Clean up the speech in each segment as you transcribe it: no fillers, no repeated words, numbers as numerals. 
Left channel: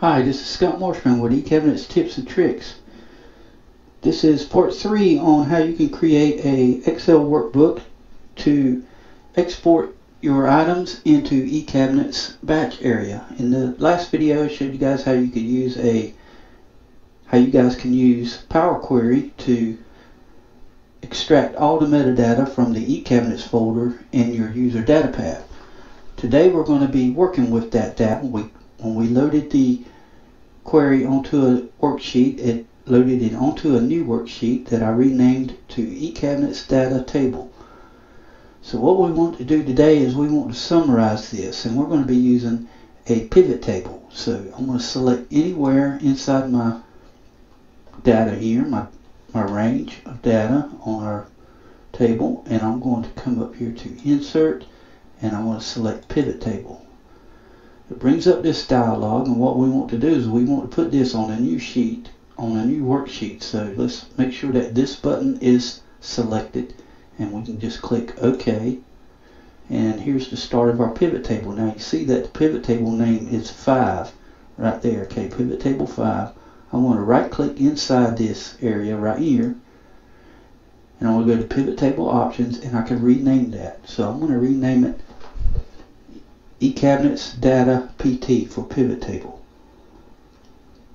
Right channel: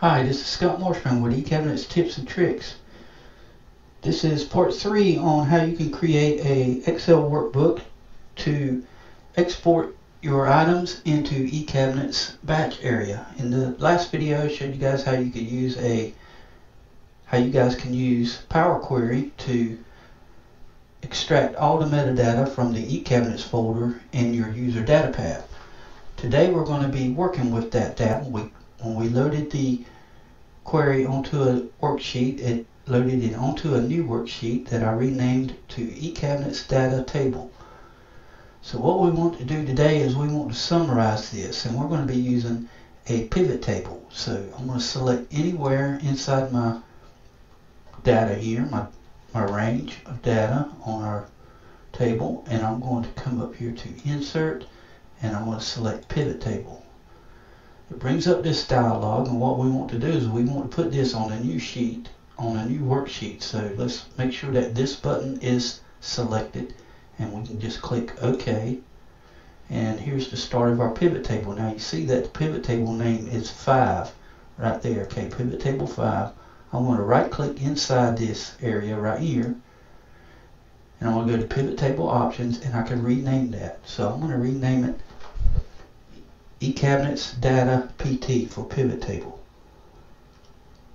Hi, this is Scott Marshman with eCabinets Tips and Tricks. This is part 3 on how you can create a Excel workbook to export your items into eCabinets batch area. In the last video I showed you guys how you guys can use Power Query to extract all the metadata from the eCabinets folder in your user data path. Today we're going to be working with that data. When we loaded the query onto a worksheet, it loaded it onto a new worksheet that I renamed to eCabinets Data Table. So what we want to do today is we want to summarize this, and we're going to be using a pivot table. So I'm going to select anywhere inside my data here, my range of data on our table, and I'm going to come up here to Insert, and I want to select Pivot Table. It brings up this dialog, and what we want to do is we want to put this on a new sheet, on a new worksheet. So let's make sure that this button is selected, and we can just click OK. And here's the start of our pivot table. Now you see that the pivot table name is 5 right there. Okay, pivot table 5. I want to right click inside this area right here, and I want to go to pivot table options, and I can rename that. So I'm going to rename it eCabinets Data PT for pivot table.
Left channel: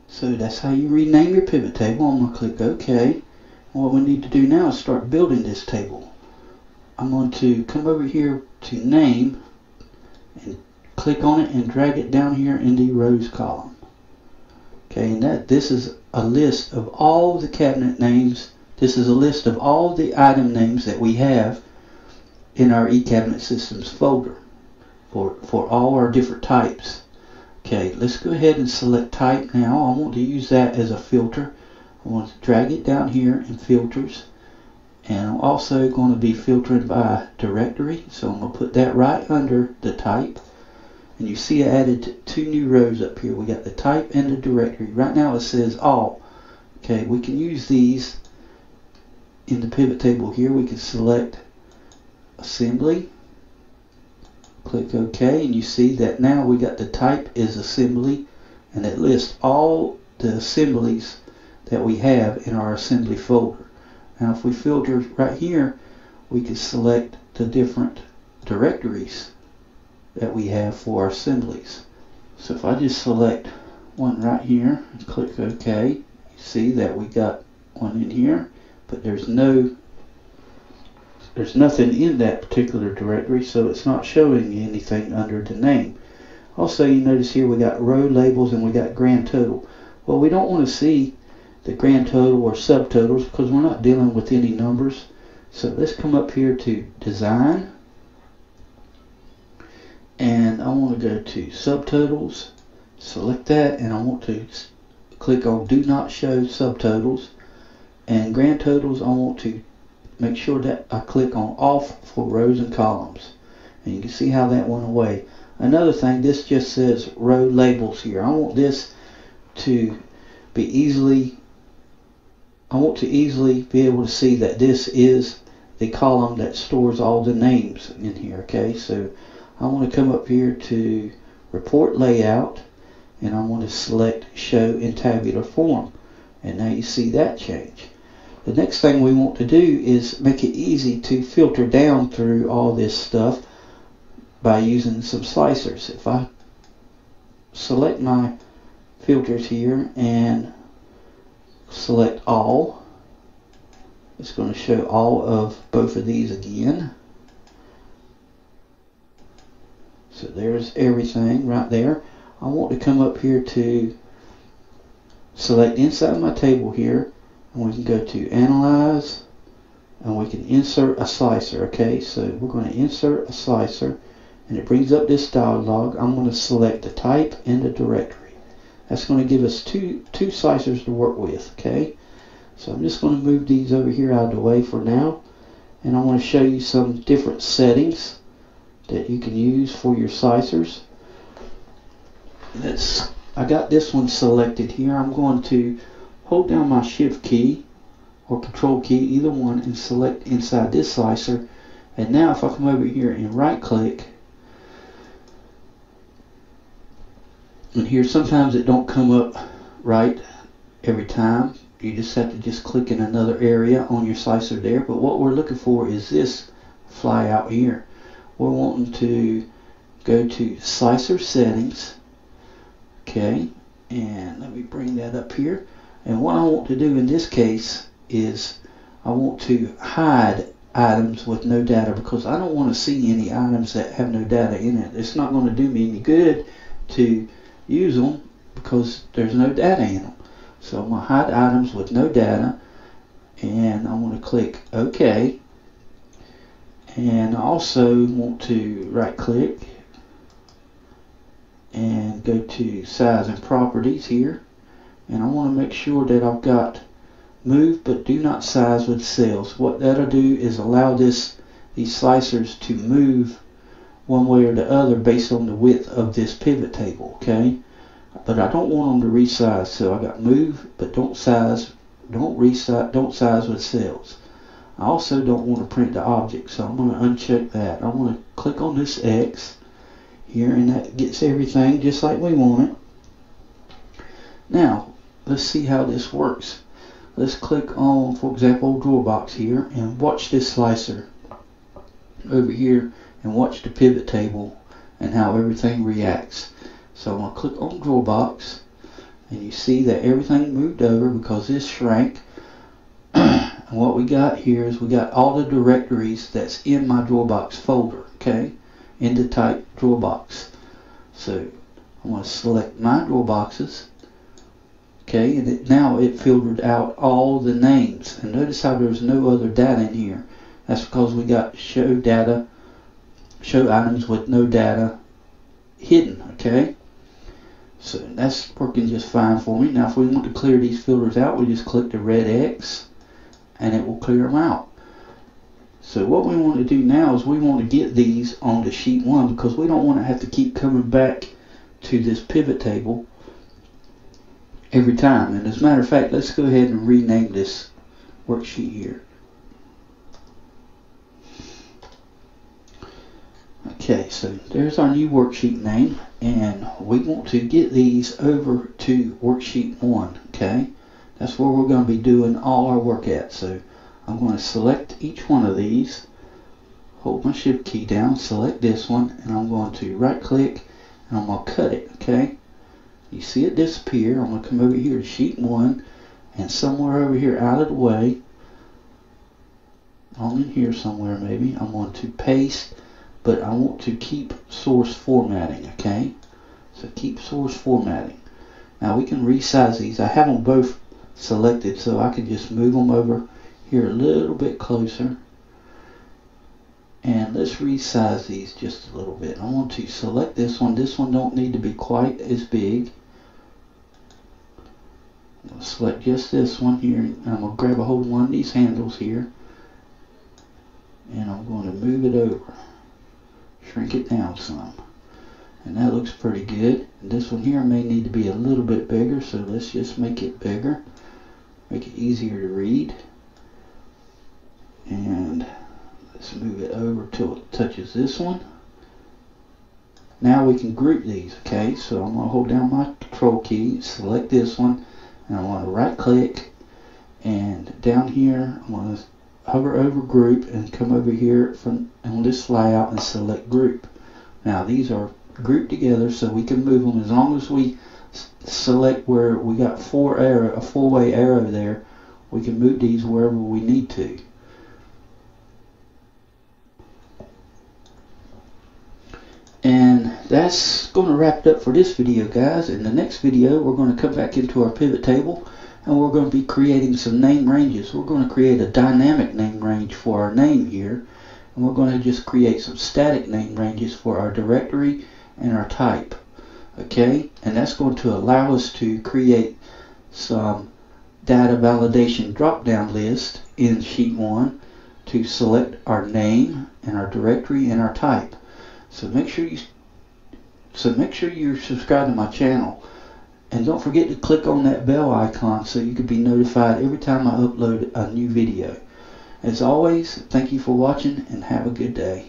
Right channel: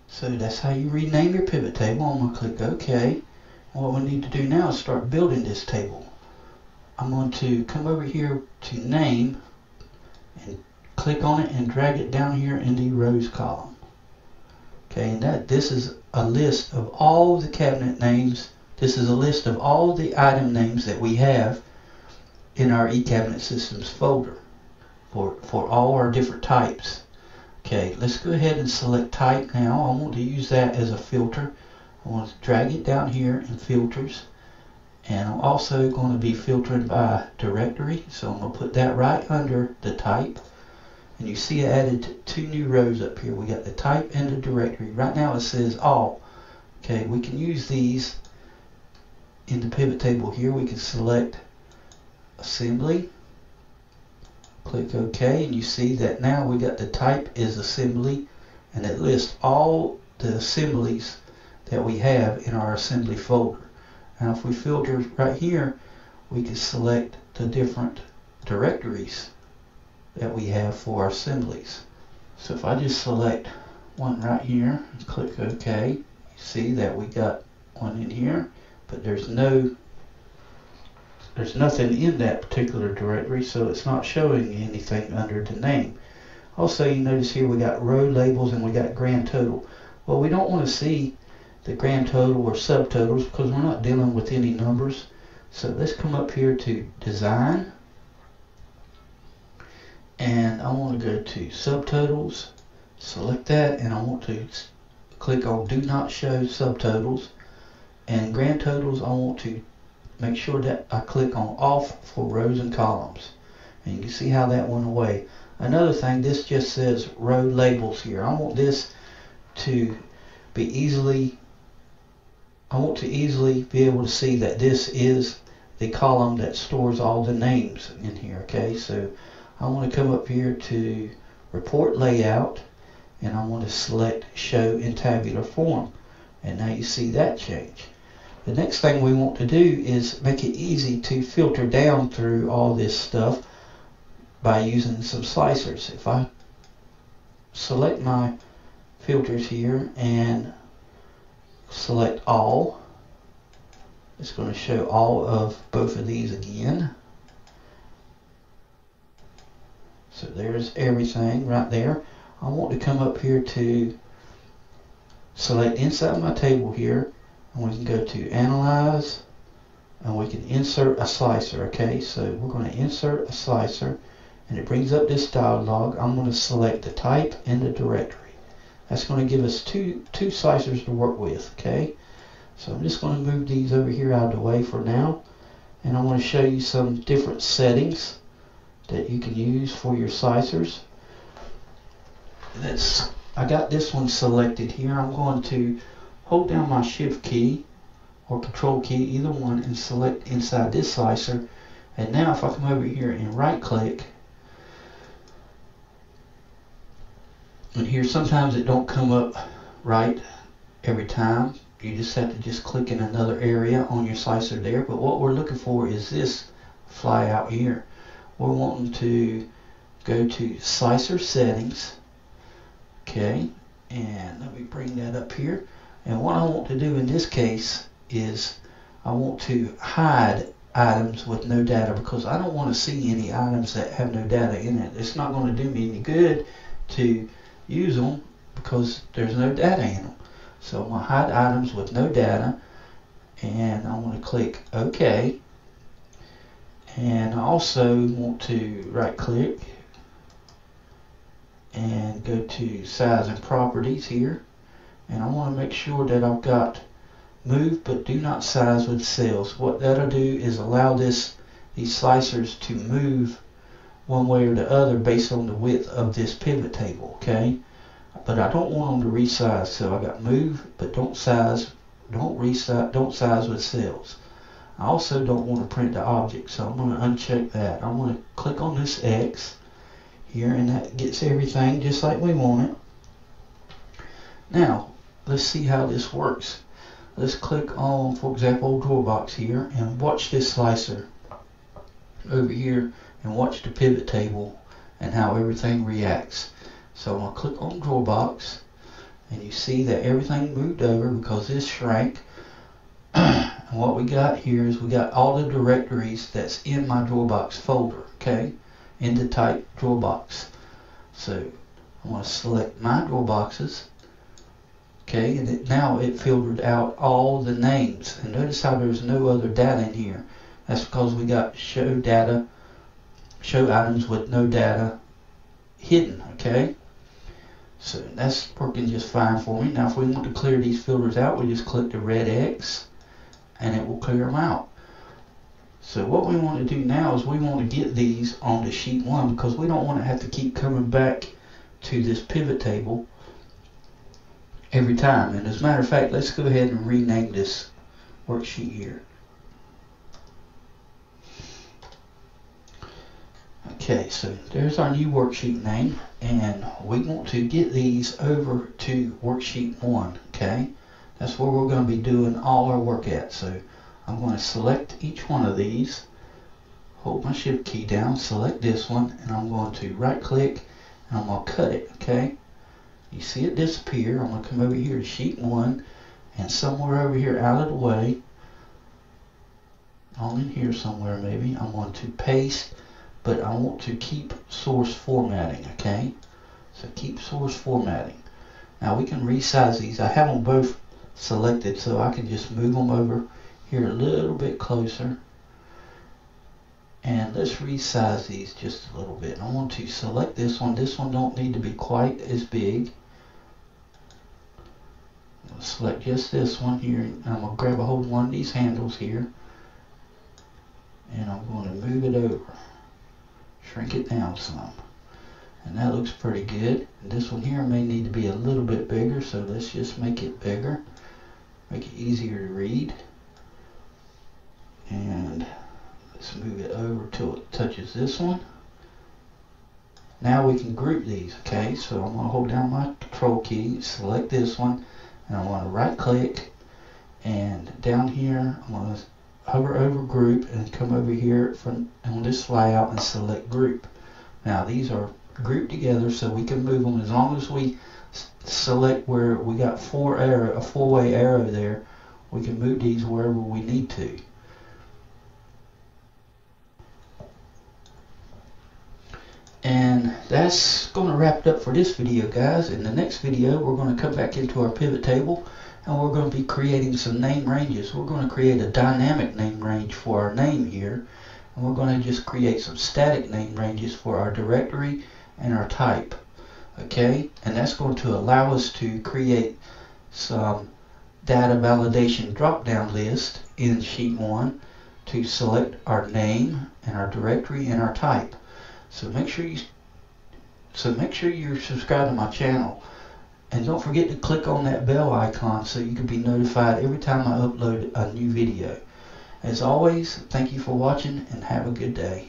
So that's how you rename your pivot table. I'm going to click OK. What we need to do now is start building this table. I'm going to come over here to name and click on it and drag it down here in the rows column. Okay, and this is a list of all the cabinet names. This is a list of all the item names that we have in our eCabinet Systems folder for all our different types. Okay, let's go ahead and select type now. I want to use that as a filter. I want to drag it down here in filters, and I'm also going to be filtering by directory, so I'm going to put that right under the type. And you see I added 2 new rows up here. We got the type and the directory. Right now it says all. Okay, we can use these in the pivot table here. We can select assembly, click OK, and you see that now we got the type is assembly, and it lists all the assemblies that we have in our assembly folder. Now if we filter right here, we can select the different directories that we have for our assemblies. So if I just select one right here and click OK, you see that we got one in here, but there's nothing in that particular directory, so it's not showing anything under the name. Also, you notice here we got row labels and we got grand total. Well, we don't want to see the grand total or subtotals because we're not dealing with any numbers. So let's come up here to design, and I want to go to subtotals, select that, and I want to click on do not show subtotals, and grand totals I want to make sure that I click on off for rows and columns, and you can see how that went away. Another thing, this just says row labels here. I want this to be easily be able to see that this is the column that stores all the names in here. Okay, so I want to come up here to report layout, and I want to select show in tabular form, and now you see that change. The next thing we want to do is make it easy to filter down through all this stuff by using some slicers. If I select my filters here and select all, it's going to show all of both of these again. So there's everything right there. I want to come up here to select inside my table here, and we can go to Analyze, and we can insert a slicer. Okay, so we're going to insert a slicer, and it brings up this dialog. I'm going to select the type and the directory. That's going to give us two slicers to work with. Okay, so I'm just going to move these over here out of the way for now, and I want to show you some different settings that you can use for your slicers. I got this one selected here. I'm going to hold down my shift key or control key, either one, and select inside this slicer. And now if I come over here and right click, And here sometimes it don't come up right every time. You just have to just click in another area on your slicer there. But what we're looking for is this fly out here. We're wanting to go to slicer settings. Okay, and let me bring that up here. And what I want to do in this case is I want to hide items with no data, because I don't want to see any items that have no data in it. It's not going to do me any good to use them because there's no data in them. So I'm going to hide items with no data, and I'm going to click OK. And I also want to right click and go to size and properties here, and I want to make sure that I've got move but do not size with cells. What that'll do is allow these slicers to move one way or the other based on the width of this pivot table. Okay, but I don't want them to resize, so I got move but don't size, don't size with cells. I also don't want to print the object, so I'm going to uncheck that. I want to click on this X here, and that gets everything just like we want it. Now let's see how this works. Let's click on, for example, drawer box here, and watch this slicer over here, and watch the pivot table and how everything reacts. So I'm going to click on drawer box, and you see that everything moved over because this shrank. And what we got here is we got all the directories that's in my drawer box folder, okay, in the type drawer box. So I'm going to select my drawer boxes. Okay, and now it filtered out all the names, and notice how there's no other data in here. That's because we got show items with no data hidden. Okay, so that's working just fine for me. Now if we want to clear these filters out, we just click the red X and it will clear them out. So what we want to do now is we want to get these onto sheet 1, because we don't want to have to keep coming back to this pivot table every time. And as a matter of fact, let's go ahead and rename this worksheet here. Okay, so there's our new worksheet name, and we want to get these over to worksheet 1. Okay, that's where we're going to be doing all our work at. So I'm going to select each one of these, hold my shift key down, select this one, and I'm going to right click and I'm going to cut it. Okay, you see it disappear. I'm going to come over here to sheet 1, and somewhere over here out of the way, on in here somewhere maybe, I'm going to paste, but I want to keep source formatting. Okay, so keep source formatting. Now we can resize these. I have them both selected, so I can just move them over here a little bit closer, and let's resize these just a little bit. I want to select this one. This one don't need to be quite as big. I'm going to select just this one here, and I'm going to grab a hold of one of these handles here, and I'm going to move it over, shrink it down some, and that looks pretty good. And this one here may need to be a little bit bigger, so let's just make it bigger, make it easier to read. And let's move it over till it touches this one. Now we can group these. Okay, so I'm going to hold down my control key, select this one, and I want to right click, and down here I'm going to hover over group and come over here on this flyout and select group. Now these are grouped together, so we can move them as long as we select where we got a four-way arrow there. We can move these wherever we need to. And that's going to wrap it up for this video, guys. In the next video, we're going to come back into our pivot table, and we're going to be creating some name ranges. We're going to create a dynamic name range for our name here, and we're going to just create some static name ranges for our directory and our type. Okay, and that's going to allow us to create some data validation drop-down list in sheet 1 to select our name and our directory and our type. So make sure you're subscribed to my channel, and don't forget to click on that bell icon so you can be notified every time I upload a new video. As always, thank you for watching, and have a good day.